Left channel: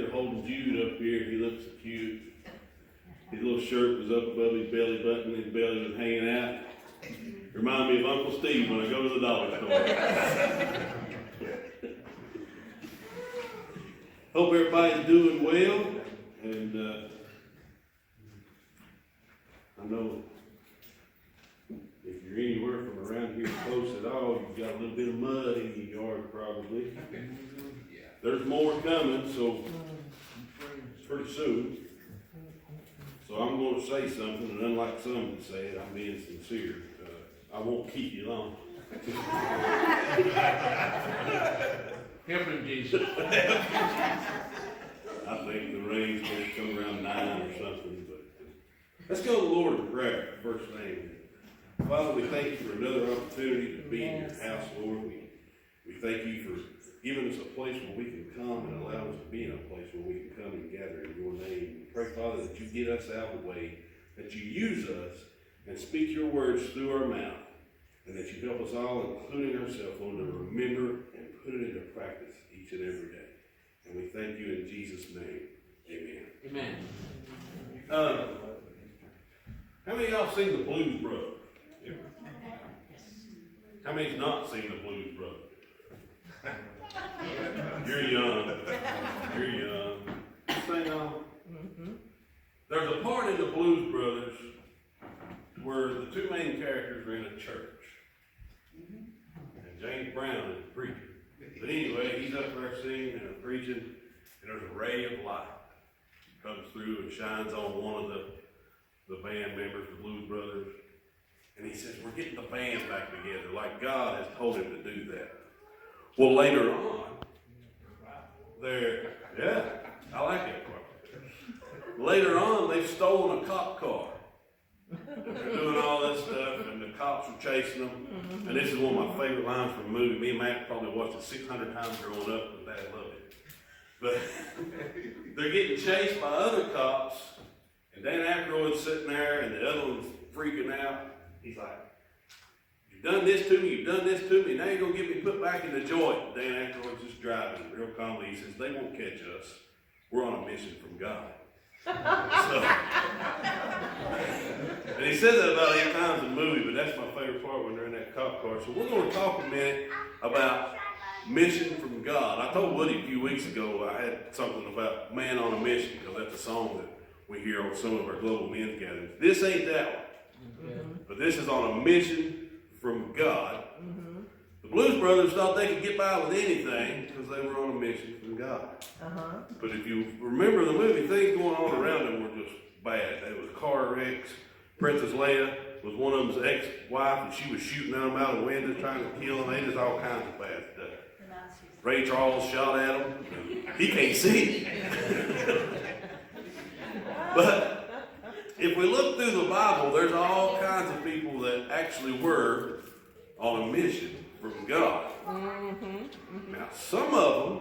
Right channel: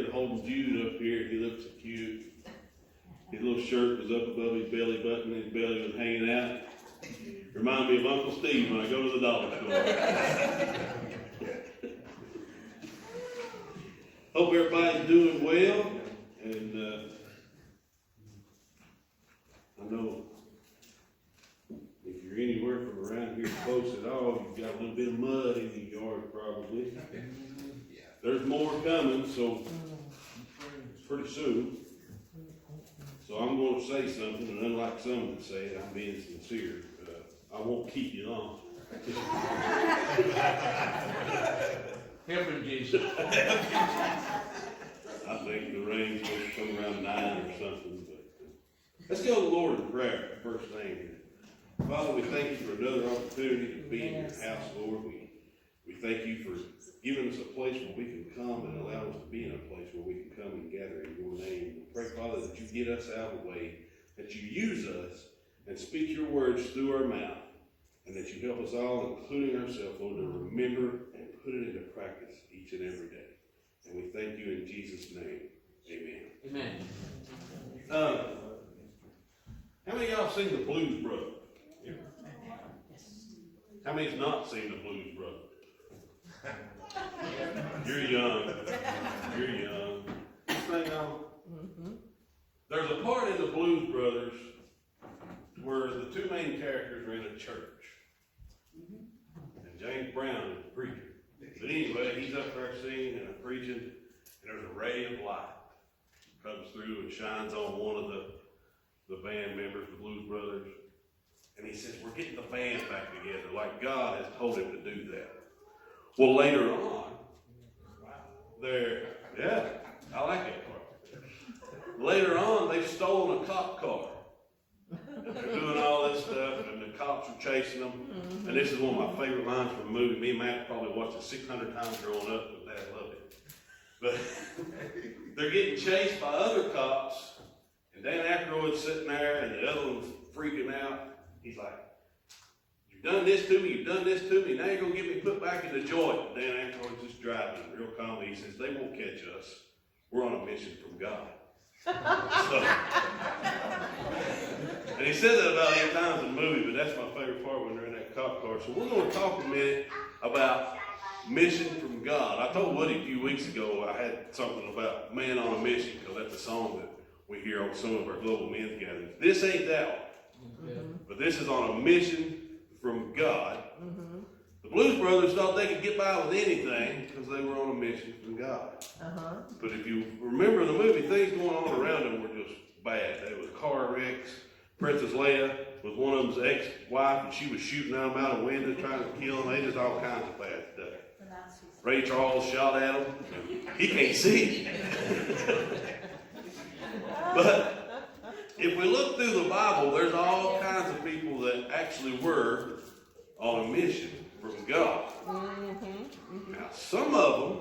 They're holding Jude up here. He looks so cute. His little shirt was up above his belly button. His belly was hanging out. Remind me of Uncle Steve when I go to the dollar store. Hope everybody's doing well. And I know if you're anywhere from around here close at all, you've got a little bit of mud in your yard probably. There's more coming, so pretty soon. So I'm going to say something, and unlike some that say it, I'm being sincere. I won't keep you long. Help him, Jesus. I think the rain's going to come around 9 or something. But let's go to the Lord in prayer, first thing. Father, we thank you for another opportunity to be in your house, Lord. We thank you for giving us a place where we can come and allow us to be in a place where we can come and gather in your name. We pray, Father, that you get us out of the way, that you use us and speak your words through our mouth, and that you help us all, including ourselves, Lord, to remember and put it into practice each and every day. And we thank you in Jesus' name. Amen. Amen. How many of y'all seen the Blues Brothers? How many's not seen the Blues Brothers? You're young. You're young. Thing on. There's a part in the Blues Brothers where the two main characters are in a church. And James Brown is the preacher. But anyway, he's up there singing and preaching, and there's a ray of light comes through and shines on one of the band members, the Blues Brothers. And he says, we're getting the band back together, like God has told him to do that. Well, later on, I like that part. Later on, they've stolen a cop car. They're doing all this stuff, and the cops are chasing them. And this is one of my favorite lines from the movie. Me and Matt probably watched it 600 times growing up, and Dad loved it. But they're getting chased by other cops, and Dan Aykroyd's sitting there, and the other one's freaking out. He's like, you've done this to me, you've done this to me, now you're going to get me put back in the joint. Dan Aykroyd's just driving, real calmly. He says, they won't catch us. We're on a mission from God. And he says that about 8 times in the movie, but that's my favorite part when they're in that cop car. So we're going to talk a minute about mission from God. I told Woody a few weeks ago I had something about man on a mission, because that's a song that we hear on some of our global men's gatherings. This ain't that one. But this is on a mission from God. The Blues Brothers thought they could get by with anything because they were on a mission from God. But if you remember the movie, things going on around them were just bad. There was car wrecks. Princess Leia was one of them's ex-wife, and she was shooting them out of the window trying to kill them. They just all kinds of bad stuff. Ray Charles shot at him. He can't see. But if we look through the Bible, there's all kinds of people that actually were on a mission from God. Now, some of them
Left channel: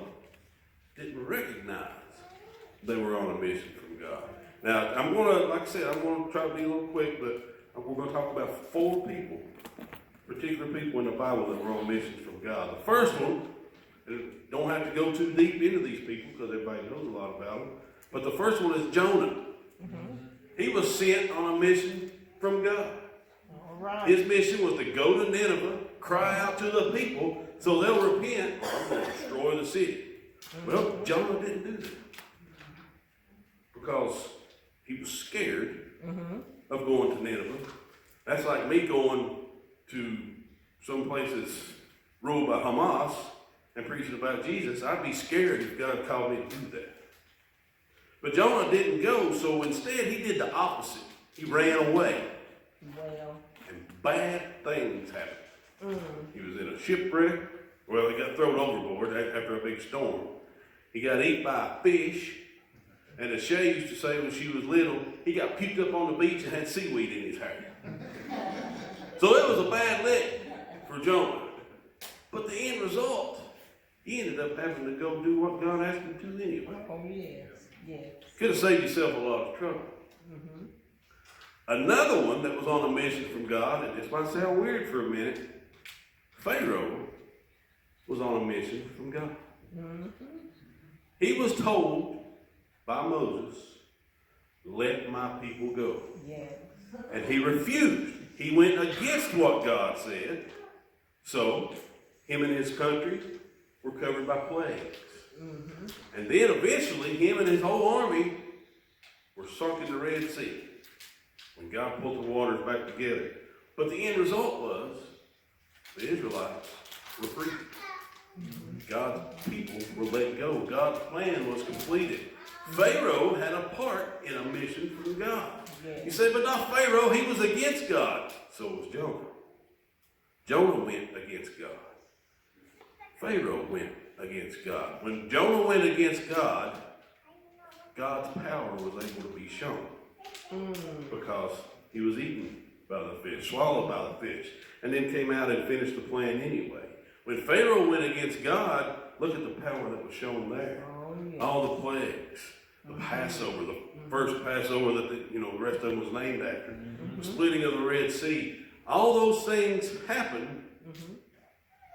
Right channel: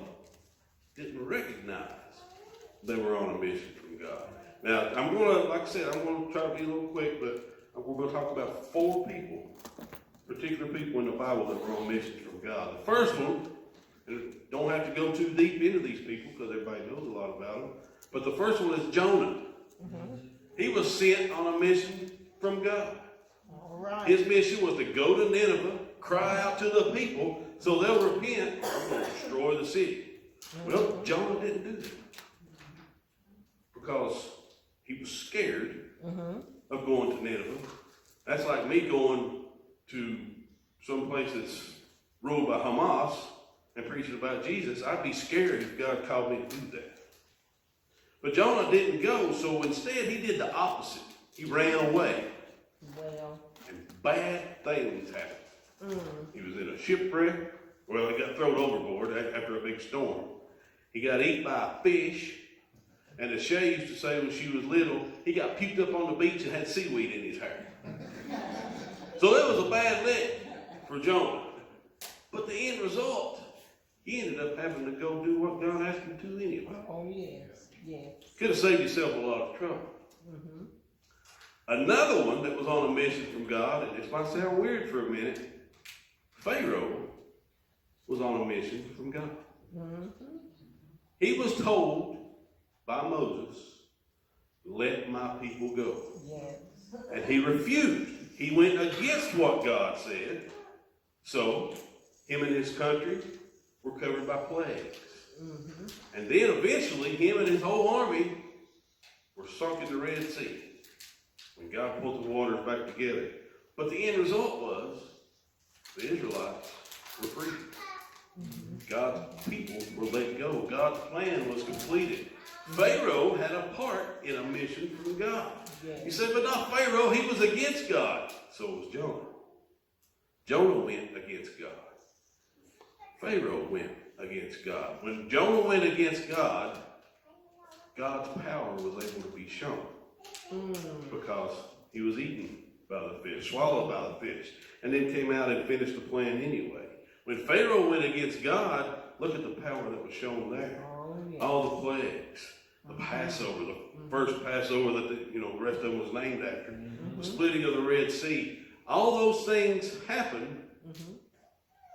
didn't recognize they were on a mission from God. Now, I'm going to, like I said, I'm going to try to be a little quick, but we're going to talk about 4 people, particular people in the Bible that were on missions from God. The first one, don't have to go too deep into these people because everybody knows a lot about them, but the first one is Jonah. He was sent on a mission from God. His mission was to go to Nineveh, cry out to the people so they'll repent and destroy the city. Well, Jonah didn't do that because he was scared of going to Nineveh. That's like me going to some place that's ruled by Hamas and preaching about Jesus. I'd be scared if God called me to do that. But Jonah didn't go, so instead he did the opposite. He ran away. And bad things happened. He was in a shipwreck. Well, he got thrown overboard after a big storm. He got eaten by a fish. And as Shay used to say when she was little, he got puked up on the beach and had seaweed in his hair. So it was a bad lick for Jonah. But the end result, he ended up having to go do what God asked him to anyway. Oh, yes. Yes. Could have saved yourself a lot of trouble. Another one that was on a mission from God, and this might sound weird for a minute, Pharaoh was on a mission from God. He was told by Moses, let my people go. Yes. And he refused. He went against what God said. So, him and his country were covered by plagues. Mm-hmm. And then eventually, him and his whole army were sunk in the Red Sea. When God pulled the waters back together. But the end result was, the Israelites were free. God's people were let go. God's plan was completed. Pharaoh had a part in a mission from God. Yes. He said, but not Pharaoh, he was against God. So was Jonah. Jonah went against God. Pharaoh went against God. When Jonah went against God, God's power was able to be shown. Because he was eaten by the fish, swallowed by the fish, and then came out and finished the plan anyway. When Pharaoh went against God, look at the power that was shown there. Oh, yeah. All the plagues, the Passover, the first Passover that the rest of them was named after, the splitting of the Red Sea. All those things happened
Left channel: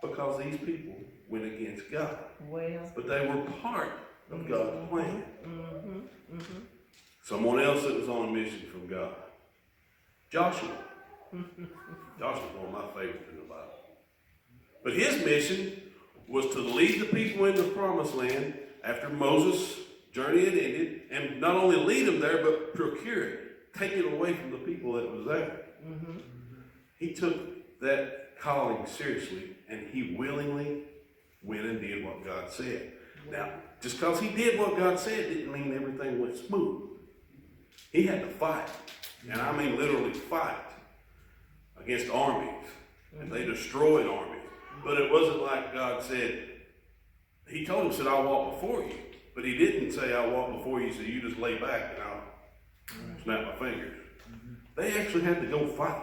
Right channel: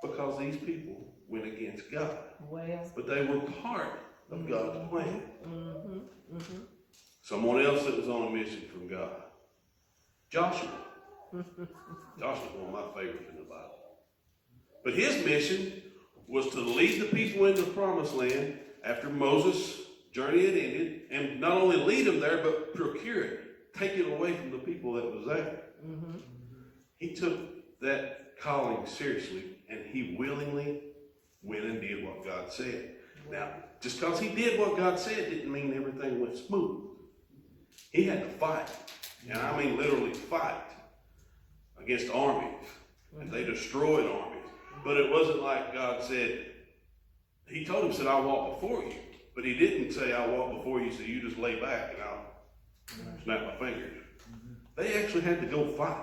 because these people went against God. Well. But they were part of God's plan. Mm-hmm. Mm-hmm. Someone else that was on a mission from God. Joshua. Joshua's one of my favorites in the Bible. But his mission was to lead the people into the promised land after Moses' journey had ended, and not only lead them there, but procure it, take it away from the people that was there. Mm-hmm. He took that calling seriously, and he willingly went and did what God said. Now, just because he did what God said didn't mean everything went smooth. He had to fight, and I mean literally fight, against armies, and they destroyed armies. But it wasn't like God said, he told him, said, I'll walk before you. But he didn't say, I'll walk before you, so you just lay back and I'll snap my fingers. They actually had to go fight.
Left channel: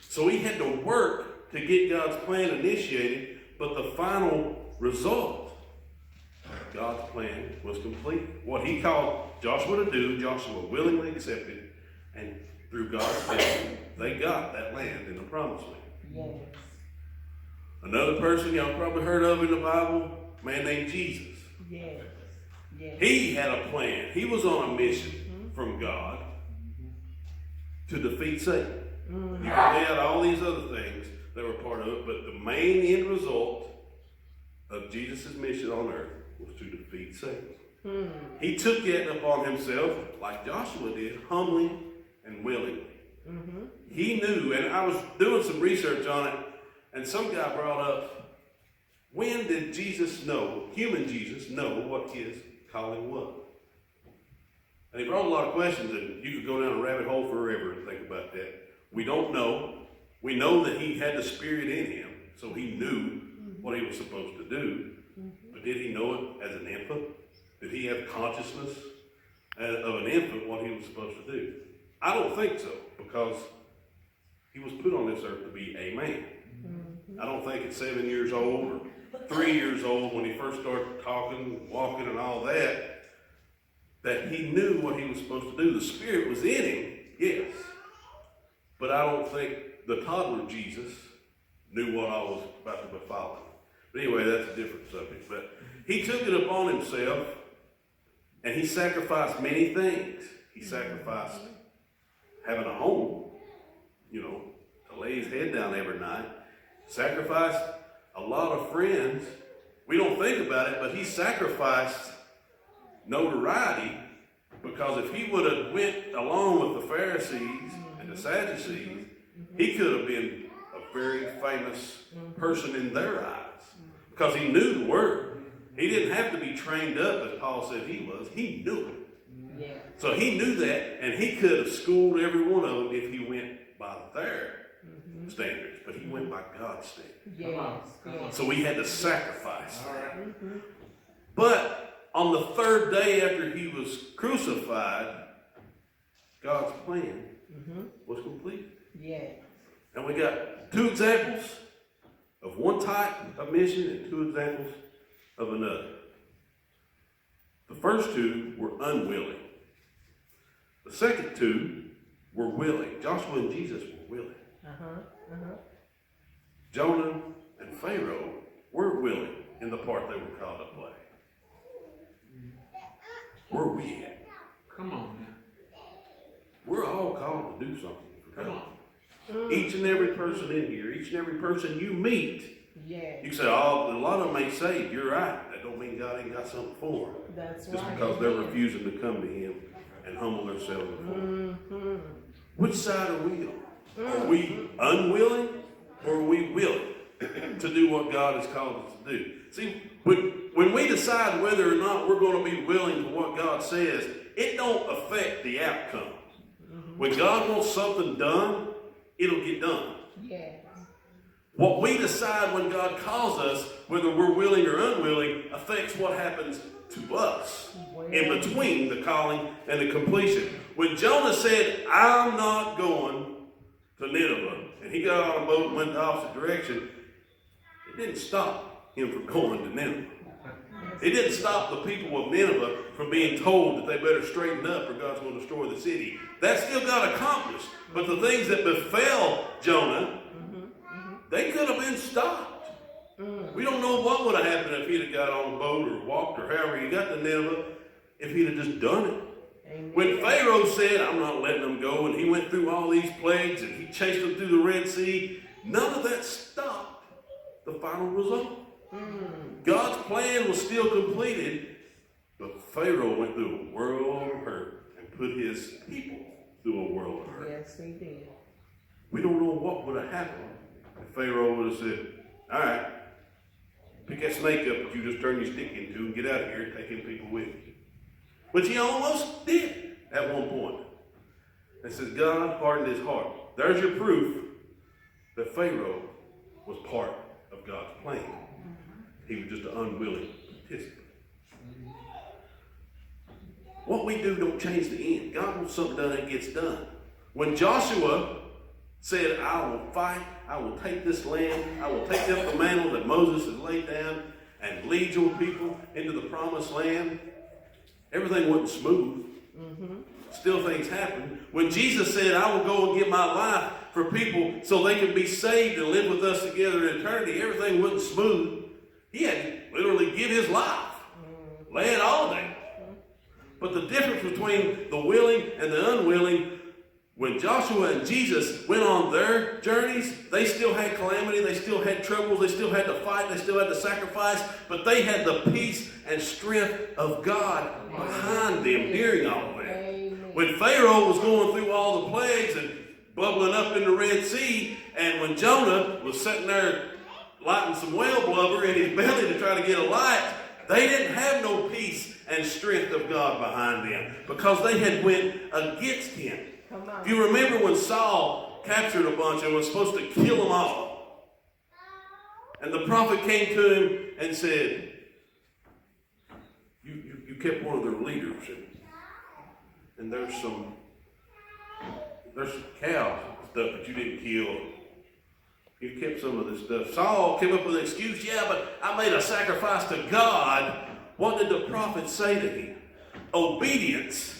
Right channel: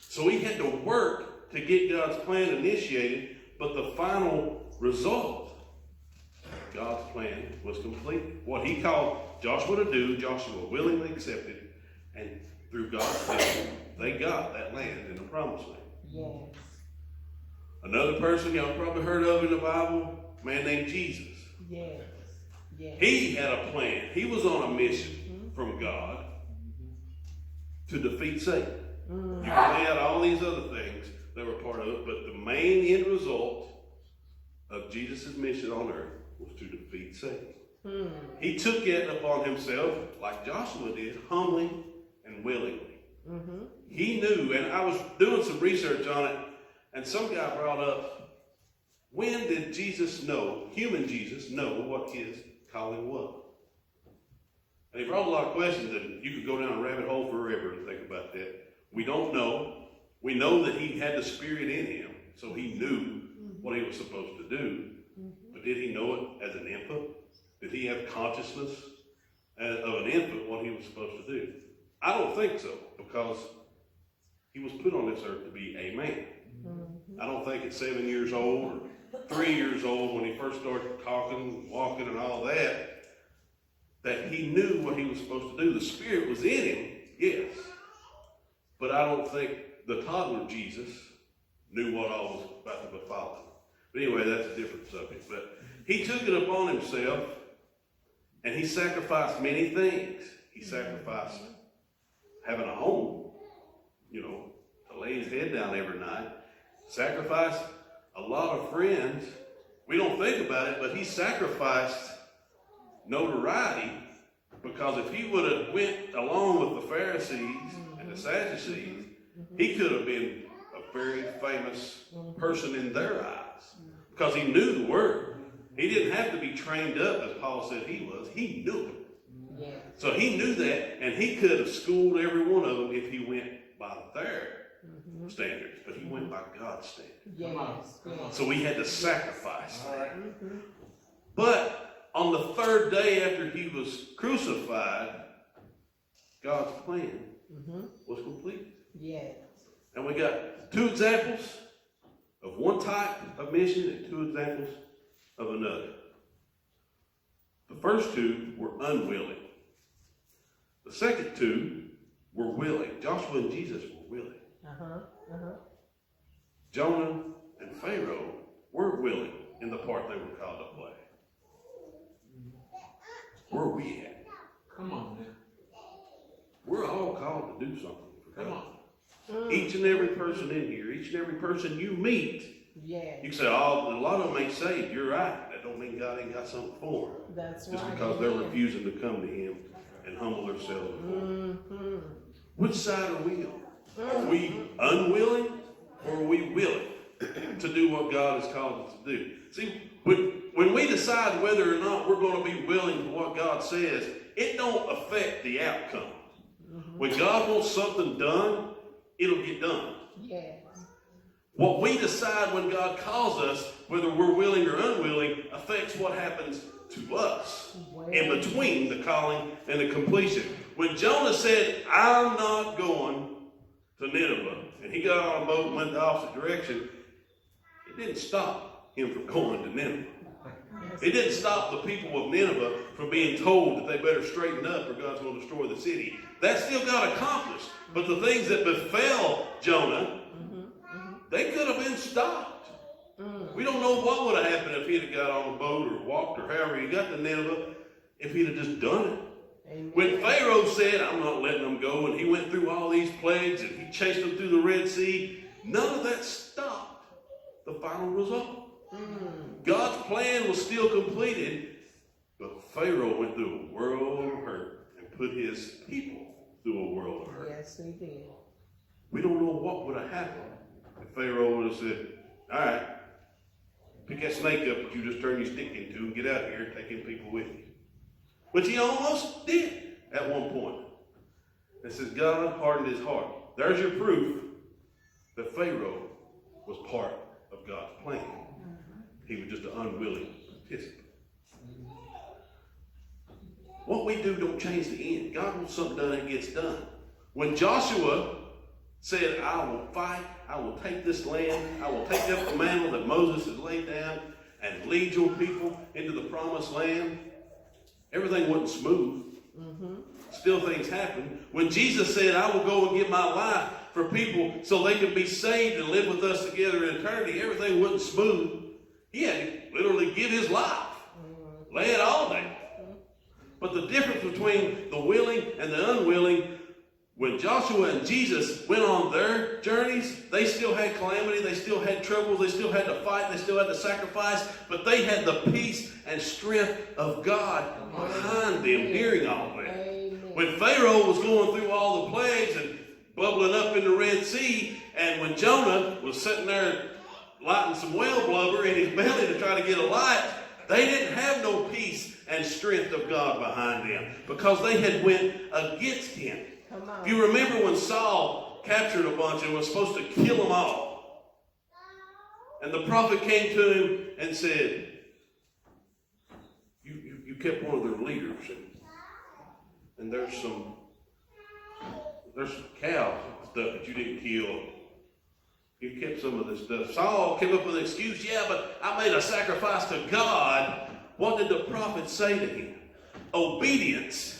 So he had to work to get God's plan initiated, but the final result, God's plan was complete. What he called Joshua to do, Joshua willingly accepted, and through God's help, they got that land in the promised land. Yes. Another person y'all probably heard of in the Bible, a man named Jesus. Yes. Yes. He had a plan. He was on a mission from God to defeat Satan. He had all these other things that were part of it, but the main end result of Jesus' mission on earth was to defeat Satan. He took it upon himself, like Joshua did, humbly and willingly. He knew, and I was doing some research on it, and some guy brought up, when did Jesus know, human Jesus, know what his calling was? And he brought a lot of questions, and you could go down a rabbit hole forever and think about that. We don't know. We know that he had the Spirit in him, so he knew what he was supposed to do. But did he know it as an infant? Did he have consciousness of an infant, what he was supposed to do? I don't think so, because he was put on this earth to be a man. I don't think at 7 years old or 3 years old, when he first started talking, walking, and all that, that he knew what he was supposed to do. The Spirit was in him, yes. But I don't think the toddler Jesus knew what I was about to befall him. But anyway, that's a different subject. But he took it upon himself, and he sacrificed many things. He sacrificed having a home, to lay his head down every night. Sacrificed a lot of friends. We don't think about it, but he sacrificed notoriety, because if he would have went along with the Pharisees and the Sadducees, he could have been a very famous person in their eyes, because he knew the word. He didn't have to be trained up, as Paul said he was. He knew it. Yeah. So he knew that, and he could have schooled every one of them if he went by their standards, but he went by God's standards. Yes. Yes. So he had to sacrifice. All right. But on the third day after he was crucified, God's plan was complete. Yes. And we got two examples of one type of mission and two examples of another. The first two were unwilling. The second two were willing. Joshua and Jesus were willing. Jonah and Pharaoh were willing in the part they were called to play. Where are we at? Come on now. We're all called to do something for Come God. on. Each and every person in here, each and every person you meet, Yeah, you say, oh, a lot of them ain't saved. You're right. That don't mean God ain't got something for them. that's Just right. because they're refusing to come to Him and humble themselves before Him. Mm-hmm. Which side are we on? Are we unwilling or are we willing to do what God has called us to do? See, when we decide whether or not we're going to be willing to what God says, it don't affect the outcome. When God wants something done, it'll get done. Yes. What we decide when God calls us, whether we're willing or unwilling, affects what happens to us in between the calling and the completion. When Jonah said, I'm not going to Nineveh, and he got on a boat and went the opposite direction, it didn't stop him from going to Nineveh. It didn't stop the people of Nineveh from being told that they better straighten up or God's going to destroy the city. That still got accomplished. But the things that befell Jonah, they could have been stopped. We don't know what would have happened if he'd have got on the boat or walked or however he got to Nineveh, if he'd have just done it. Amen. When Pharaoh said, I'm not letting them go, and he went through all these plagues and he chased them through the Red Sea, none of that stopped the final result. God's plan was still completed, but Pharaoh went through a world of hurt and put his people through a world of hurt. Yes, he did. We don't know what would have happened if Pharaoh would have said, all right, pick that snake up that you just turned your stick into and get out of here and take them people with you. Which he almost did at one point. And says, God hardened his heart. There's your proof that Pharaoh was part of God's plan. He was just an unwilling participant. What we do don't change the end. God wants something done, it gets done. When Joshua said, I will fight, I will take this land, I will take up the mantle that Moses had laid down and lead your people into the promised land, everything wasn't smooth. Still things happened. When Jesus said, I will go and give my life for people so they can be saved and live with us together in eternity, everything wasn't smooth. He had to literally give his life. Lay it all down. But the difference between the willing and the unwilling, when Joshua and Jesus went on their journeys, they still had calamity, they still had troubles, they still had to fight, they still had to sacrifice, but they had the peace and strength of God behind them during all that. Amen. When Pharaoh was going through all the plagues and bubbling up in the Red Sea, and when Jonah was sitting there lighting some whale blubber in his belly to try to get a light, they didn't have no peace and strength of God behind them because they had went against him. Come on. If you remember when Saul captured a bunch and was supposed to kill them all, and the prophet came to him and said, you kept one of their leaders, and there's some cows and stuff that you didn't kill. You kept some of this stuff. Saul came up with an excuse, yeah, but I made a sacrifice to God. What did the prophet say to him? Obedience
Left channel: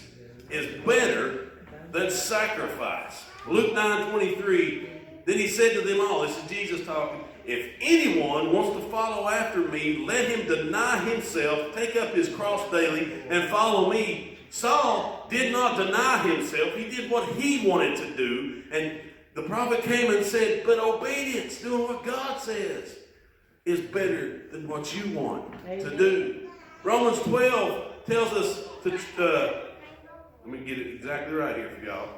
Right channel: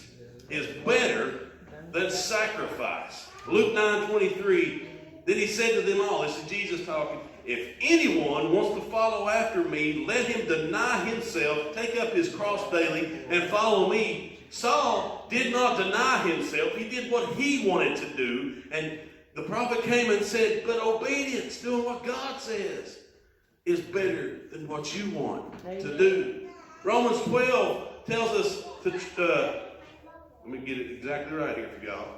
is better than sacrifice. Luke 9:23, then he said to them all, this is Jesus talking, if anyone wants to follow after me, let him deny himself, take up his cross daily, and follow me. Saul did not deny himself. He did what he wanted to do, and the prophet came and said, but obedience, doing what God says, is better than what you want to do. Romans 12 tells us to, let me get it exactly right here for y'all.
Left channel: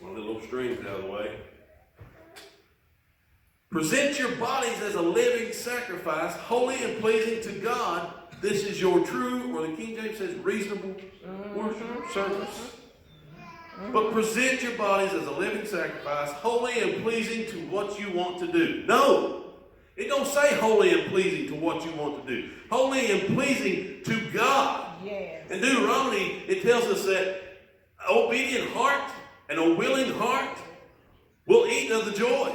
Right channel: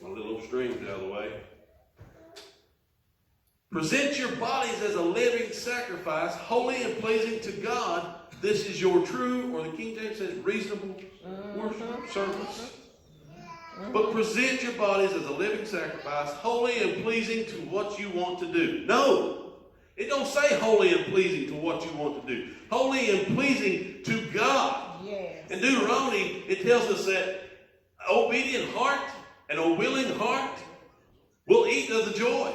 My little strings out of the way. Present your bodies as a living sacrifice, holy and pleasing to God. This is your true, or the King James says reasonable worship service. But present your bodies as a living sacrifice, holy and pleasing to what you want to do. No, it don't say holy and pleasing to what you want to do. Holy and pleasing to God. Yes. In Deuteronomy, it tells us that obedient heart and a willing heart will eat of the joys.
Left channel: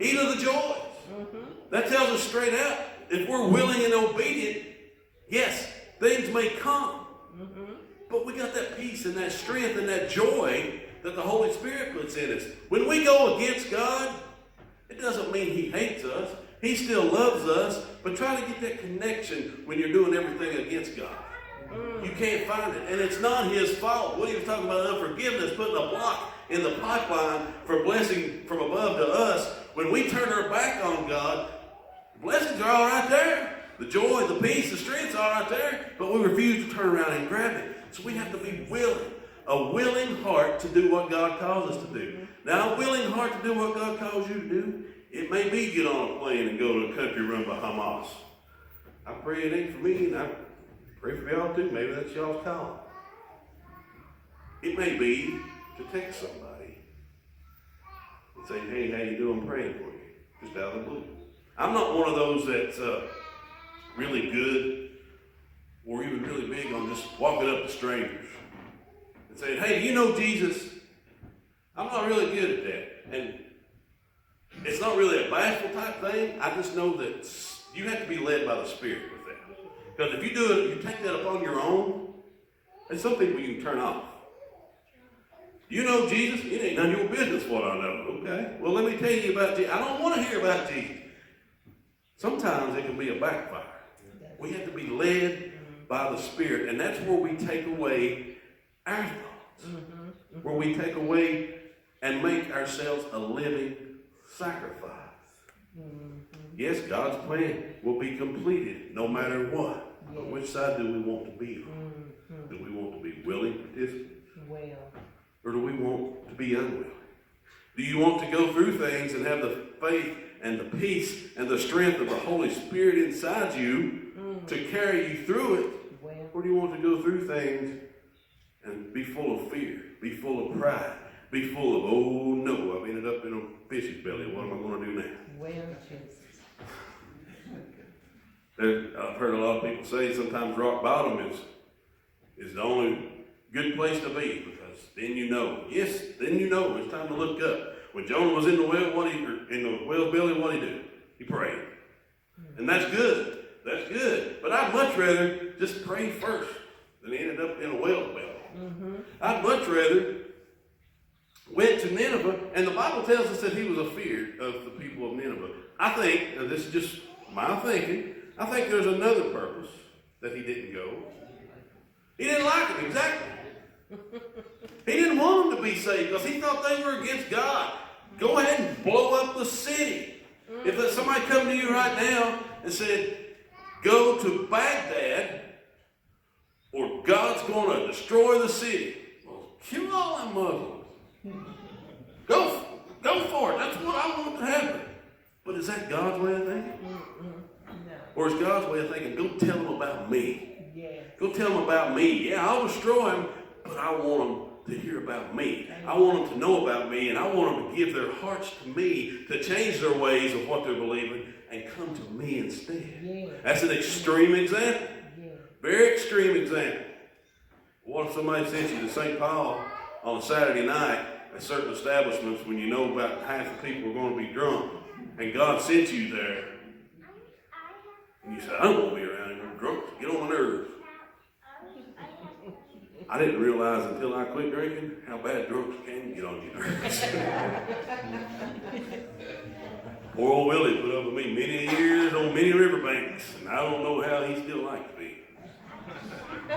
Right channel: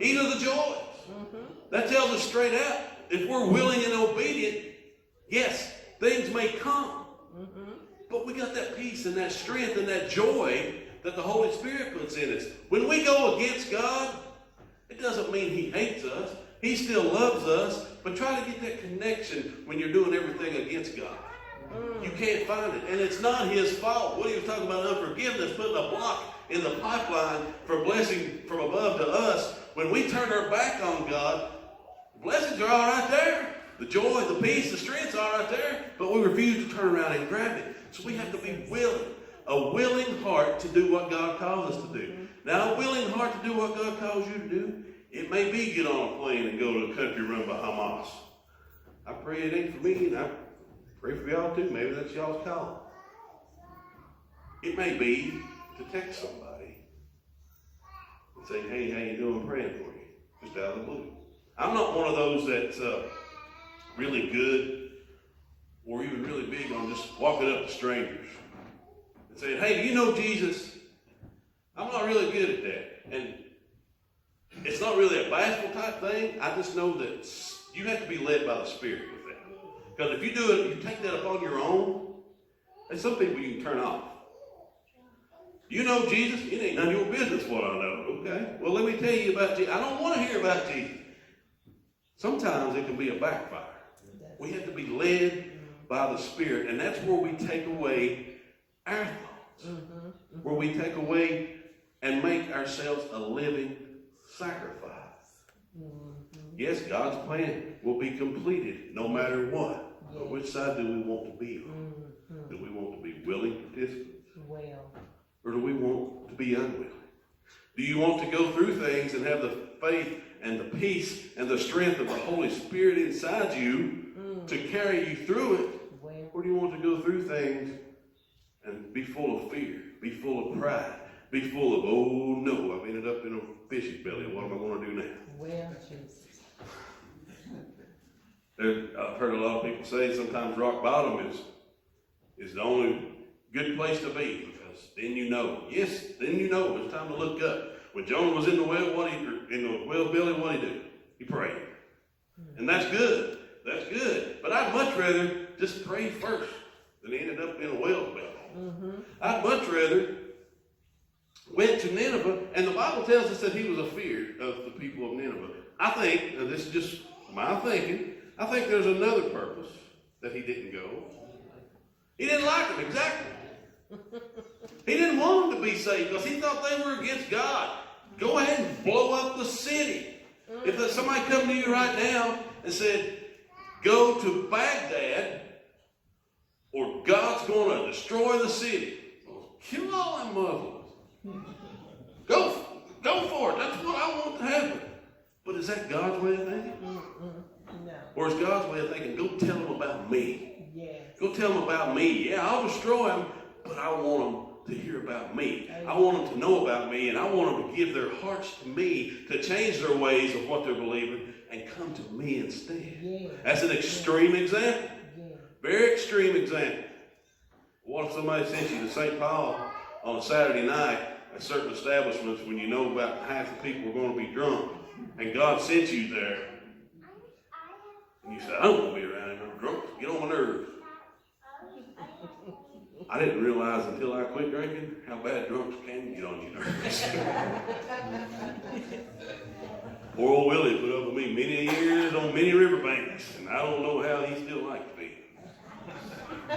Eat of the joys. That tells us straight out, if we're willing and obedient, yes, things may come. But we got that peace and that strength and that joy that the Holy Spirit puts in us. When we go against God, it doesn't mean he hates us. He still loves us. But try to get that connection when you're doing everything against God. You can't find it. And it's not his fault. What he was talking about, unforgiveness, putting a block in the pipeline for blessing from above to us. When we turn our back on God, blessings are all right there. The joy, the peace, the strength's all right there. But we refuse to turn around and grab it. So we have to be willing. A willing heart to do what God calls us to do. Now, a willing heart to do what God calls you to do, it may be get on a plane and go to a country run by Hamas. I pray it ain't for me, and I pray for y'all too. Maybe that's y'all's call. It may be to text somebody and say, hey, how you doing? I'm praying for you. Just out of the blue. I'm not one of those that's really good or even really big on just walking up to strangers and saying, hey, do you know Jesus? I'm not really good at that. And it's not really a bashful type thing. I just know that you have to be led by the Spirit with that. Because if you do it, you take that upon your own, and some people you can turn off. You know Jesus? It ain't none of your business what I know. Okay? Well, let me tell you about Jesus. I don't want to hear about Jesus. Sometimes it can be a backfire. We have to be led by the Spirit, and that's where we take away our thoughts. Where we take away and make ourselves a living sacrifice. Yes, God's plan will be completed no matter what. But which side do we want to be on? Do we want to be willing participants? Or do we want to be unwilling? Do you want to go through things and have the faith and the peace and the strength of the Holy Spirit inside you to carry you through it? Or do you want to go through things and be full of fear, be full of pride, be full of, oh no, I've ended up in a fish's belly. What am I going to do now? I've heard a lot of people say sometimes rock bottom is the only good place to be, because then you know. Yes, then you know it's time to look up. When Jonah was in the well, belly, what did he do? He prayed. And that's good. That's good. But I'd much rather just pray first than ended up in a well belly. I'd much rather went to Nineveh, and the Bible tells us that he was afeared of the people of Nineveh. I think, now this is just my thinking, I think there's another purpose that he didn't go. He didn't like them, exactly. He didn't want them to be saved because he thought they were against God. Go ahead and blow up the city. If somebody come to you right now and said, go to Baghdad or God's going to destroy the city, well, kill all them Muslims. Go for it. That's what I want to happen. But is that God's way of thinking? No. Or is God's way of thinking, go tell them about me? Yeah. Go tell them about me. Yeah, I'll destroy them, but I want them to hear about me. I want them to know about me, and I want them to give their hearts to me, to change their ways of what they're believing, and come to me instead. Yeah. That's an extreme example. Yeah. Very extreme example. What if somebody sent you to St. Paul on a Saturday night at certain establishments when you know about half the people are going to be drunk, and God sent you there, and you said, I don't want to be around here. I'm drunk. Get on my nerves. I didn't realize until I quit drinking how bad drunks can get on your nerves. Poor old Willie put up with me many years on many riverbanks, and I don't know how he still likes me.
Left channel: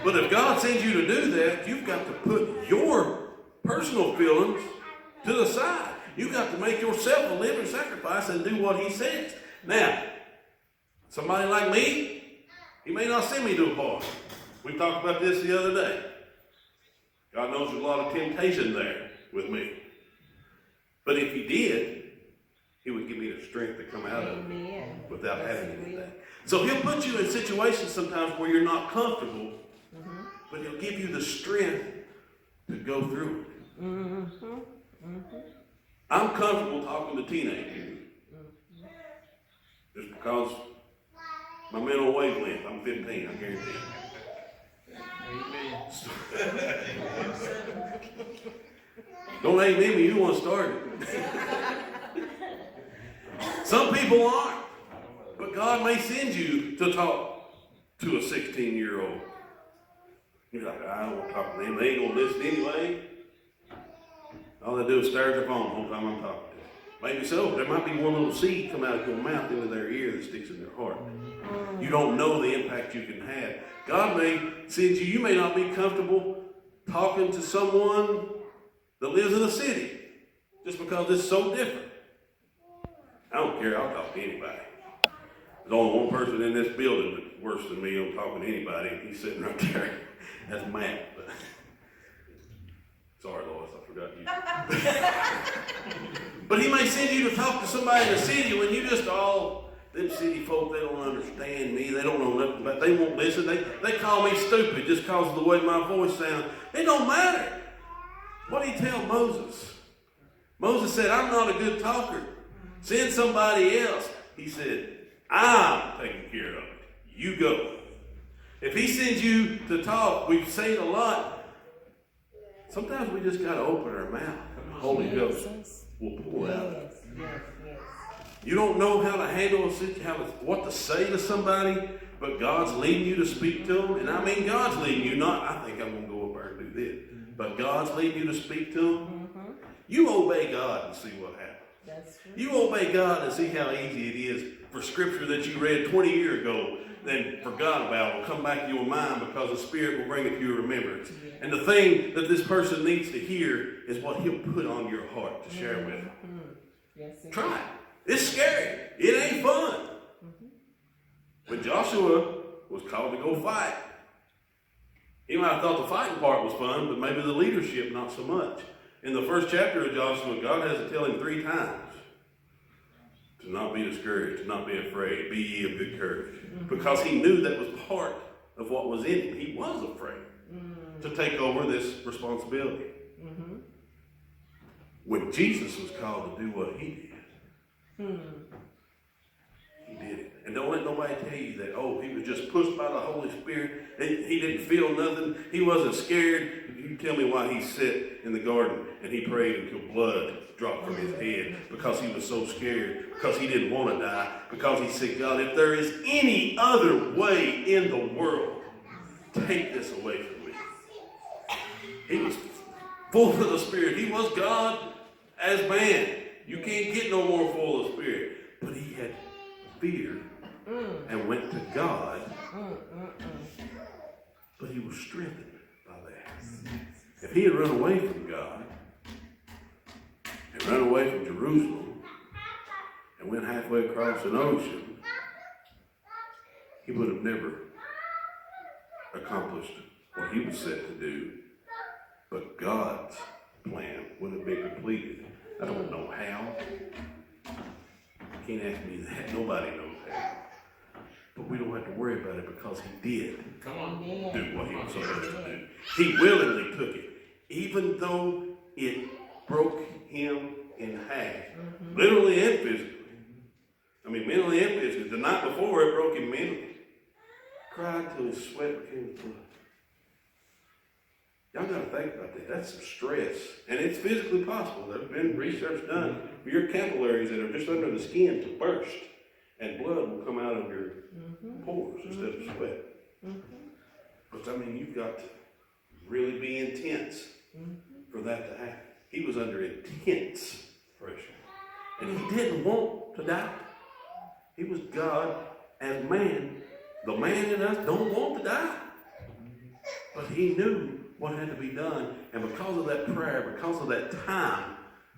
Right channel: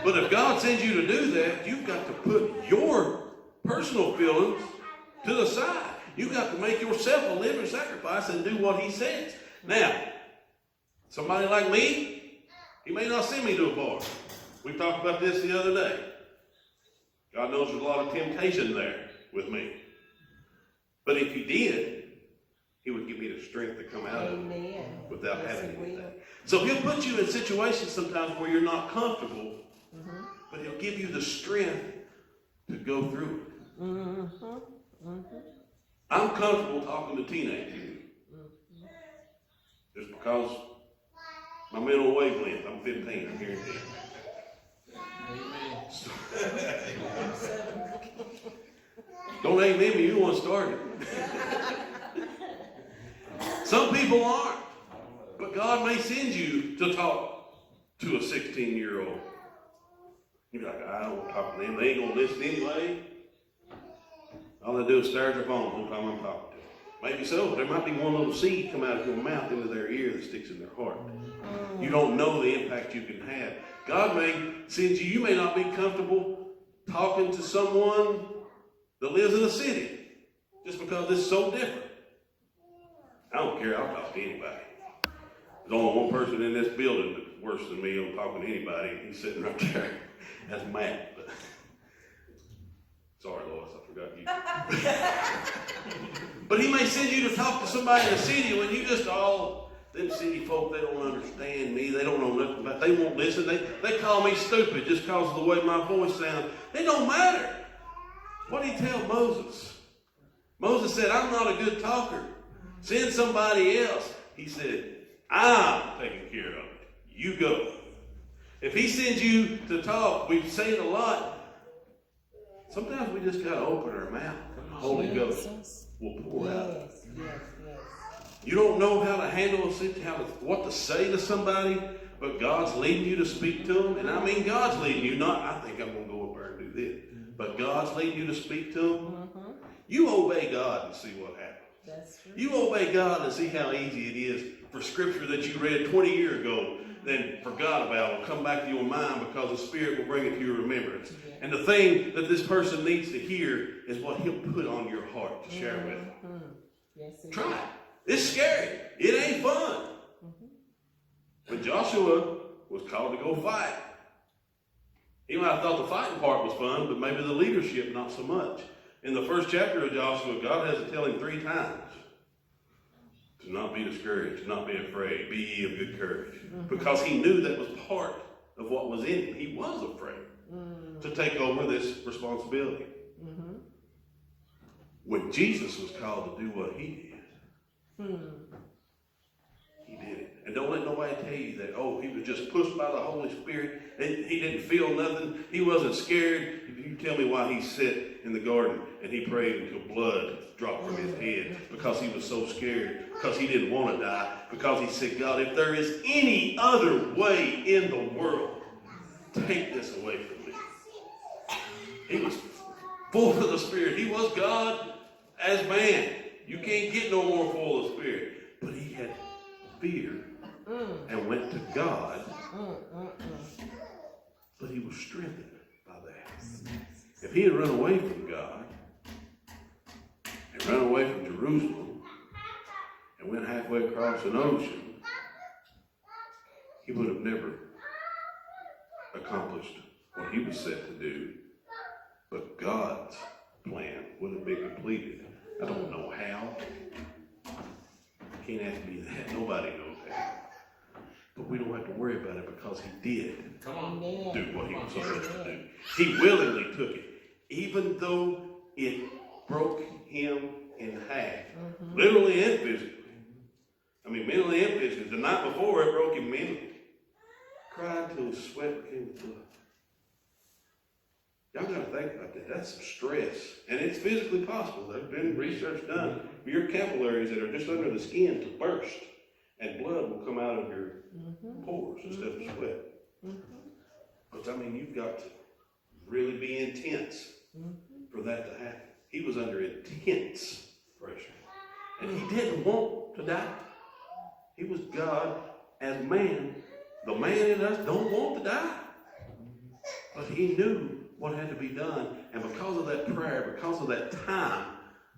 But if God sends you to do that, you've got to put your personal feelings to the side. You've got to make yourself a living sacrifice and do what he says. Now, somebody like me, he may not send me to a bar. We talked about this the other day. God knows there's a lot of temptation there with me. But if he did, he would give me the strength to come out of it without having to do that. So he'll put you in situations sometimes where you're not comfortable, but he'll give you the strength to go through it. I'm comfortable talking to teenagers just because my mental wavelength, I'm 15, I guarantee you. Don't aim at me, you don't want to start it. Some people aren't. But God may send you to talk to a 16-year-old. You're like, I don't want to talk to them. They ain't going to listen anyway. All they do is stare at their phone the whole time I'm talking to them. Maybe so. There might be one little seed come out of your mouth into their ear that sticks in their heart. You don't know the impact you can have. God may send you. You may not be comfortable talking to someone that lives in a city just because it's so different. I don't care. I'll talk to anybody. There's only one person in this building that's worse than me on talking to anybody, and he's sitting right there. That's Matt. But sorry, Lois, I forgot you. But he may send you to talk to somebody in the city when you just all, them city folk, they don't understand me. They don't know nothing about, they won't listen. They call me stupid just because of the way my voice sounds. It don't matter. What did he tell Moses? Moses said, I'm not a good talker. Send somebody else. He said, I'm taking care of it. You go. If he sends you to talk, we've seen a lot. Sometimes we just got to open our mouth. Holy Ghost will pour out. Yes. You don't know how to handle a situation, what to say to somebody, but God's leading you to speak to them. And I mean, God's leading you, not, I think I'm going to go up there and do this. But God's leading you to speak to them. You obey God and see what happens. That's true. You obey God and see how easy it is for scripture that you read 20 years ago, then forgot about, will come back to your mind because the Spirit will bring it to your remembrance. Yeah. And the thing that this person needs to hear is what He'll put on your heart to share with them. Yes, Try it. It's scary. It ain't fun. When Joshua was called to go fight, he might have thought the fighting part was fun, but maybe the leadership not so much. In the first chapter of Joshua, God has to tell him 3 times to not be discouraged, to not be afraid, be ye of good courage. Because he knew that was part of what was in him. He was afraid to take over this responsibility. When Jesus was called to do what he did, he did it. And don't let nobody tell you that, oh, he was just pushed by the Holy Spirit. He didn't feel nothing. He wasn't scared. You tell me why he sat in the garden and he prayed until blood dropped from his head, because he was so scared, because he didn't want to die, because he said, God, if there is any other way in the world, take this away from me. He was full of the Spirit. He was God as man. You can't get no more full of Spirit. But he had fear and went to God. But he was strengthened by that. If he had run away from God and run away from Jerusalem and went halfway across an ocean, he would have never accomplished what he was set to do. But God's plan would have been completed. I don't know how. You can't ask me that. Nobody knows how. But we don't have to worry about it because he did Come on. do what he was supposed to do. He willingly took it, even though it broke him in half. Literally and physically. I mean, mentally and physically. The night before, it broke him mentally. Cried till his sweat became blood. Y'all got to think about that. That's some stress. And it's physically possible. There's been research done for your capillaries that are just under the skin to burst. And blood will come out of your pores instead of sweat. But I mean, you've got to really be intense for that to happen. He was under intense pressure. And he didn't want to die. He was God as man. The man in us don't want to die. But he knew what had to be done. And because of that prayer, because of that time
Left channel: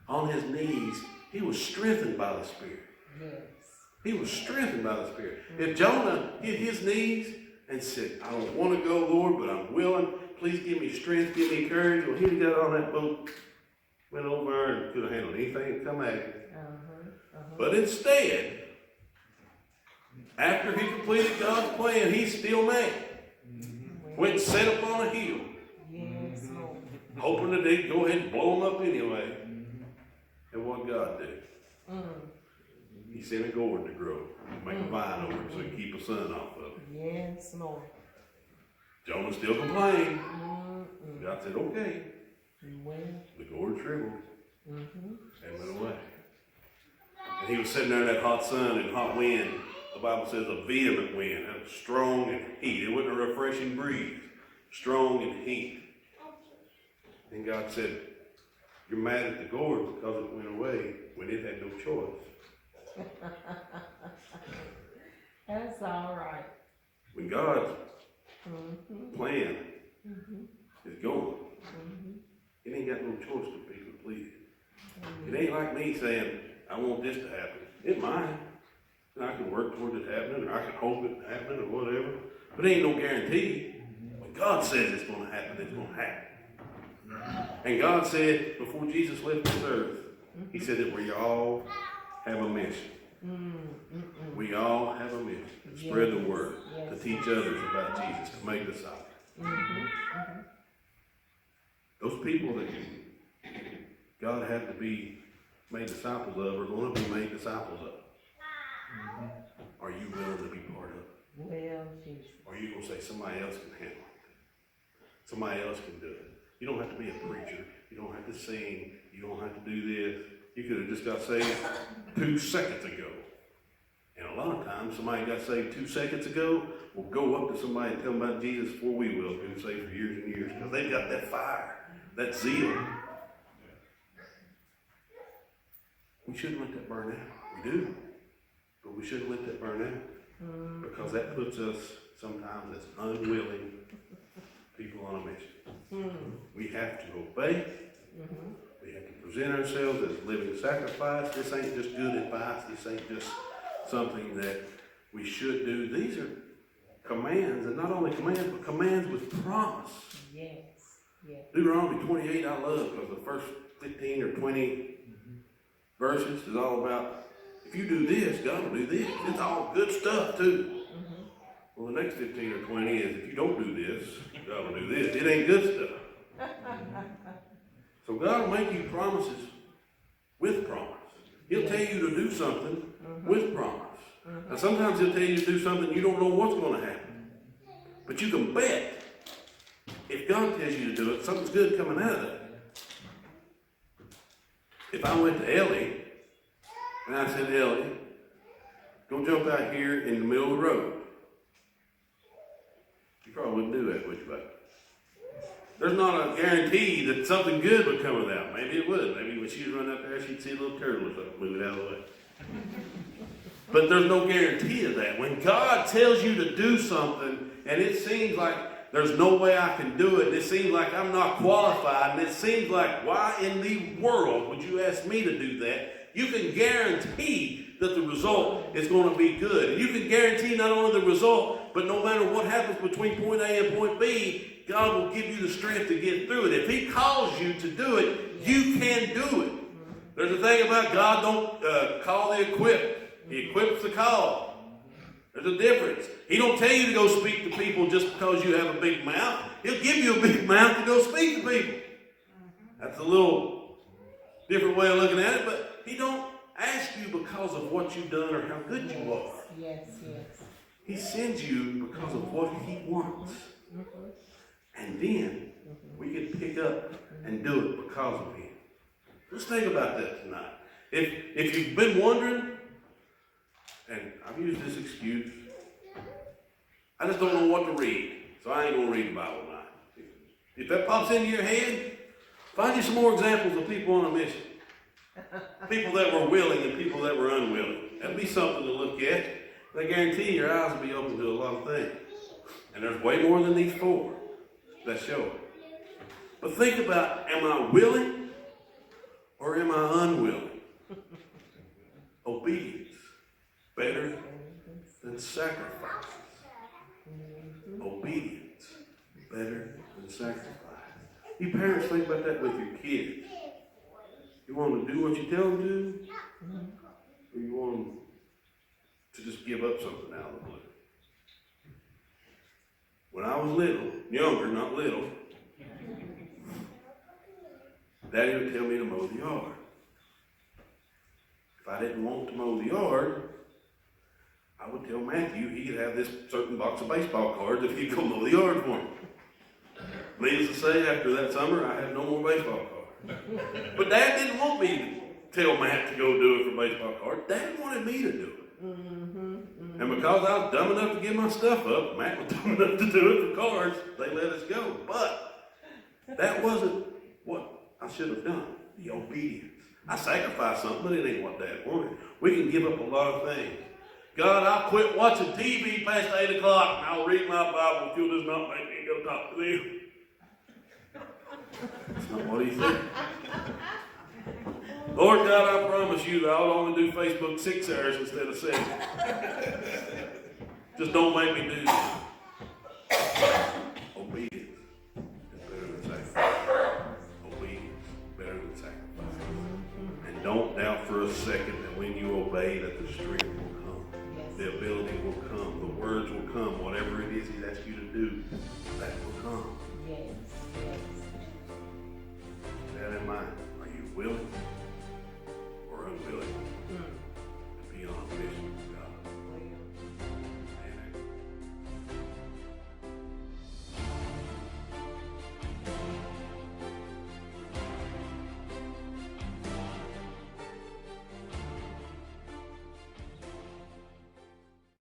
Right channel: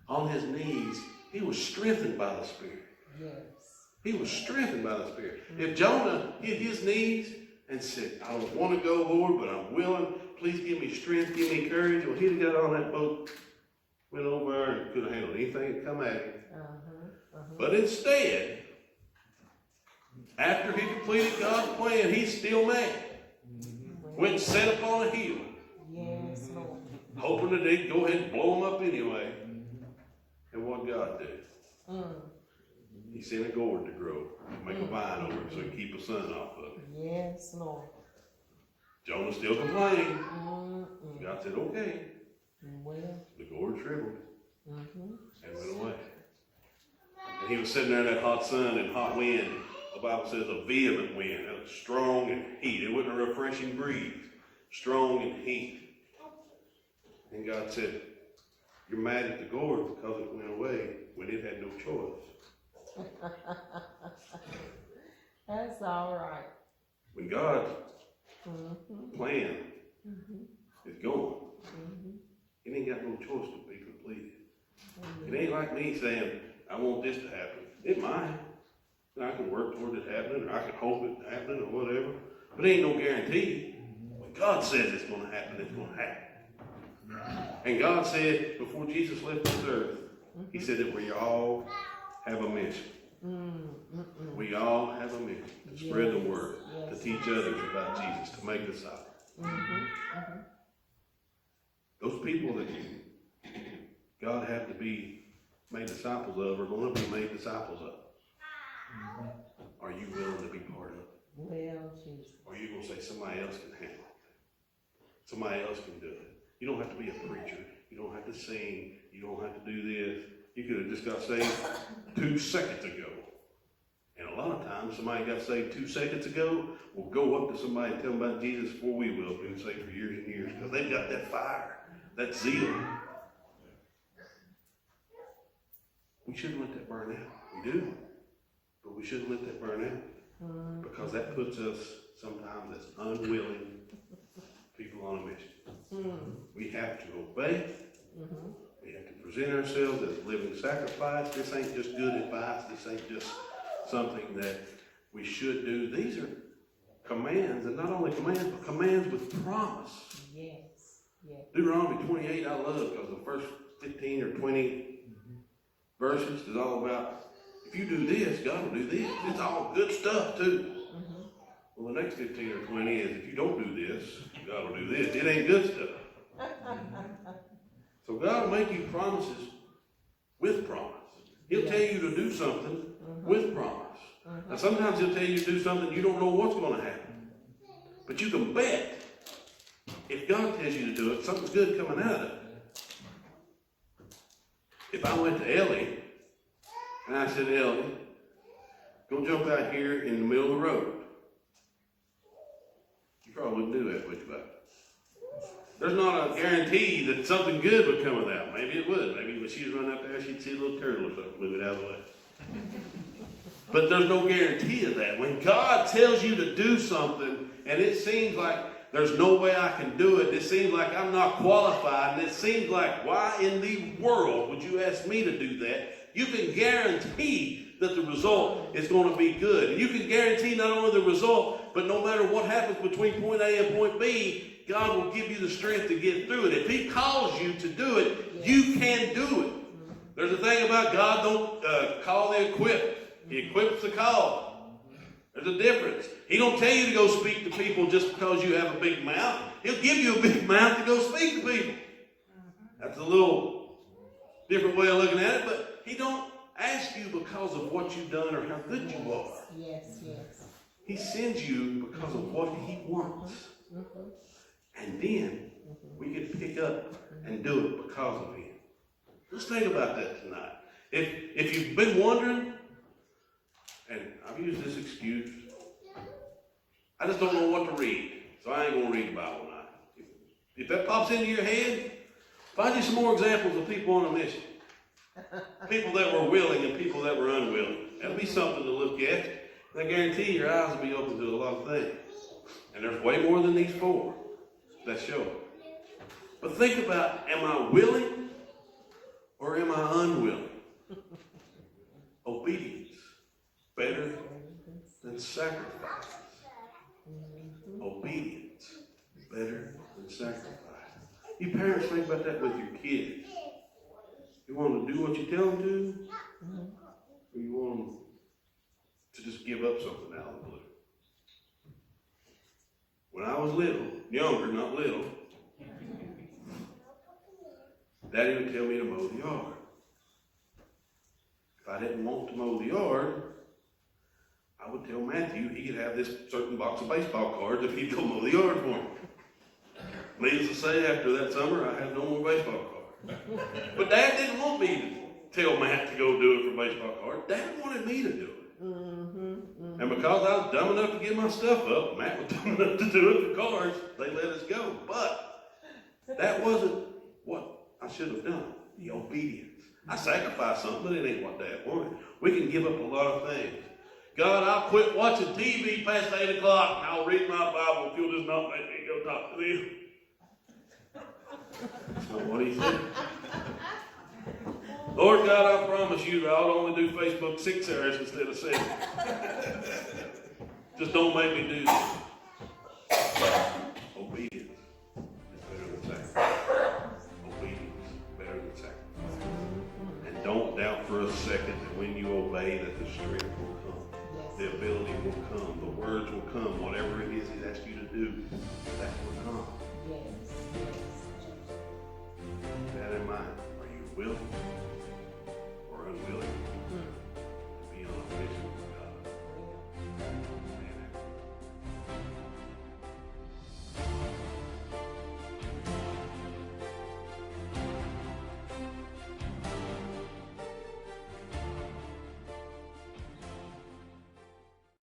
on his knees, he was strengthened by the Spirit. Yes. He was strengthened by the Spirit. If Jonah hit his knees and said, I don't want to go, Lord, but I'm willing. Please give me strength, give me courage. Well, he'd have got on that boat, went over and could have handled anything that come at him. But instead, after he completed God's plan, he's still mad. Went and sat upon a hill, Yes, Lord. hoping that they'd go ahead and blow him up anyway. And what God did? He sent a gourd to grow, to make a vine over it so he could keep the sun off of it. Yes, Lord. Jonah still complaining. God said, okay. Well. The gourd shriveled and went away. And he was sitting there in that hot sun and hot wind. The Bible says a vehement wind, strong and heat. It wasn't a refreshing breeze, strong and heat. And God said, You're mad at the gourd because it went away when it had no choice. That's all right. When God's Mm-hmm. plan Mm-hmm. is going, Mm-hmm. it ain't got no choice but be completed. It ain't like me saying, I want this to happen. It might. And I can work toward it happening, or I can hope it happening, or whatever. But it ain't no guarantee. When God says it's going to happen, it's going to happen. And God said, before Jesus left this earth, He said that we all have a mission. We all have a mission to spread the word, to teach others about Jesus, to make disciples. Those people that God had to be made disciples of are going to be made disciples of. Are you willing to be part of it? Well, Jesus. Or are you going to say somebody else can handle it? Somebody else can do it. You don't have to be a preacher. You don't have to sing. You don't have to do this. You could have just got saved 2 seconds ago. And a lot of times, somebody got saved 2 seconds ago will go up to somebody and tell them about Jesus before we will. Been saved for years and years because they've got that fire, that zeal. We shouldn't let that burn out. We do. But we shouldn't let that burn out because that puts us sometimes as unwilling people on a mission. We have to obey. We have to present ourselves as a living sacrifice. This ain't just good advice. This ain't just something that we should do. These are commands, and not only commands, but commands with promise. Yes. Yes. Deuteronomy 28 I love because the first 15 or 20 verses is all about if you do this, God will do this. It's all good stuff too. Well, the next 15 or 20 is if you don't do this, God will do this. It ain't good stuff. So God will make you promises with promise. He'll tell you to do something with promise. And sometimes He'll tell you to do something you don't know what's going to happen. But you can bet if God tells you to do it, something's good coming out of it. If I went to Ellie and I said, Ellie, go jump out here in the middle of the road. You probably wouldn't do that, would you, bud? There's not a guarantee that something good would come of that. Maybe it would. Maybe when she'd run out there, she'd see a little turtle or something, move it out of the way. But there's no guarantee of that. When God tells you to do something, and it seems like there's no way I can do it, it seems like I'm not qualified, and it seems like, why in the world would you ask me to do that? You can guarantee that the result is going to be good. And you can guarantee not only the result, but no matter what happens between point A and point B, God will give you the strength to get through it. If He calls you to do it, you can do it. There's a thing about God don't call the equipped. He equips the call. There's a difference. He don't tell you to go speak to people just because you have a big mouth. He'll give you a big mouth to go speak to people. That's a little different way of looking at it, but He don't ask you because of what you've done or how good you are. Yes, yes. He sends you because of what He wants. And then we can pick up and do it because of Him. Let's think about that tonight. If you've been wondering, and I've used this excuse, I just don't know what to read, so I ain't going to read the Bible tonight. If that pops into your head, find you some more examples of people on a mission. People that were willing and people that were unwilling. That'll be something to look at. And I guarantee your eyes will be open to a lot of things. And there's way more than these 4 that show it. But think about, am I willing or am I unwilling? Obedience, better than sacrifice. Obedience, better than sacrifice. You parents think about that with your kids. You want them to do what you tell them to, or you want them to just give up something out of the blue? When I was little, younger, not little, Daddy would tell me to mow the yard. If I didn't want to mow the yard, I would tell Matthew he could have this certain box of baseball cards if he'd go mow the yard for me. Needless to say, after that summer, I had no more baseball cards. But Dad didn't want me to tell Matt to go do it for baseball cards. Dad wanted me to do it. And because I was dumb enough to give my stuff up, Matt was dumb enough to do it for cards, they let us go. But that wasn't what I should have done. The obedience. I sacrificed something, but it ain't what Dad wanted. We can give up a lot of things. God, I'll quit watching TV past 8 o'clock, and I'll read my Bible if you'll just not make me go talk to them. That's not what he said. Lord God, I promise you that I'll only do Facebook 6 hours instead of 7. Just don't make me do that. Obedience is better than sacrifice. Obedience is better than sacrifice. And don't doubt for a second that when you obey that the strength will come. Yes. The ability will come. The words will come. Whatever